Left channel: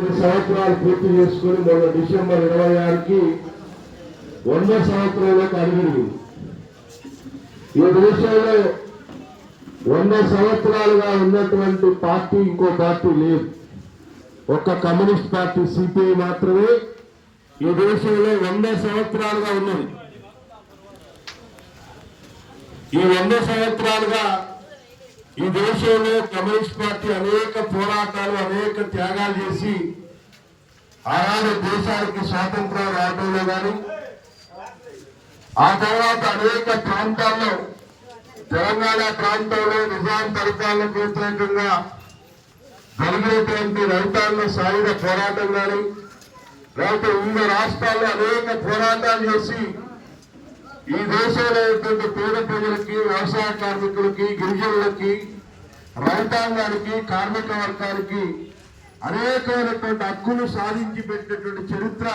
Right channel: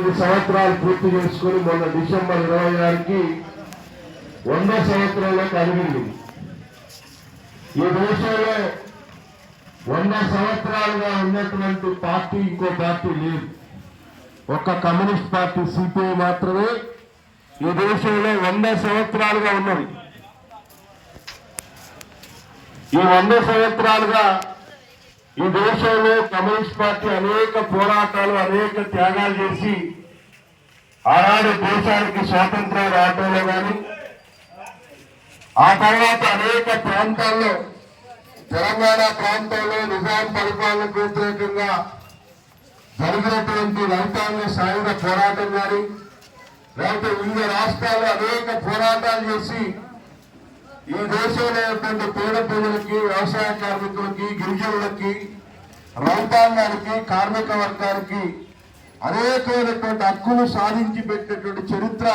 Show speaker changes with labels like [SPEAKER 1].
[SPEAKER 1] ఐదు సంవత్సరాలు పూర్తి చేసుకుని మొన్న డిసెంబర్ ఇరవై ఆరుకి వంద సంవత్సరంలోకి అడిగింది. ఈ దేశంలో వంద సంవత్సరాలుగా ఉన్నటువంటి పార్టీ ఇంకో పార్టీ లేదు. ఒక్క కమ్యూనిస్ట్ పార్టీ సిపిఐ మాత్రమే ఈ దేశంలో వంద సంవత్సరాలుగా ఉన్నది. ఈ వంద సంవత్సరాలుగా ఈ దేశంలో కమ్యూనిస్ట్ పార్టీ అనేక పోరాటాలు అనేక త్యాగాలు చేసి ఆనాడు దేశానికి స్వాతంత్ర్యం రావడంలో కానీ ఆ తర్వాత అనేక ప్రాంతాల్లో తెలంగాణ ప్రాంతంలో నిజాం పరిపాలనకు వ్యతిరేకంగా జరిగినటువంటి రైతాంగ సాయుధ పోరాటం కానీ లేకపోతే వివిధ రాష్ట్రాల్లో అనేక పోరాటాలు చేసి ఈ దేశంలో ఉన్నటువంటి పేద ప్రజలకి వ్యవసాయ కార్మికులకి గిరిజనులకి రైతాంగానికి కార్మిక వర్గానికి అనేకమైనటువంటి హక్కులు సాధించి పెట్టినటువంటి చరిత్ర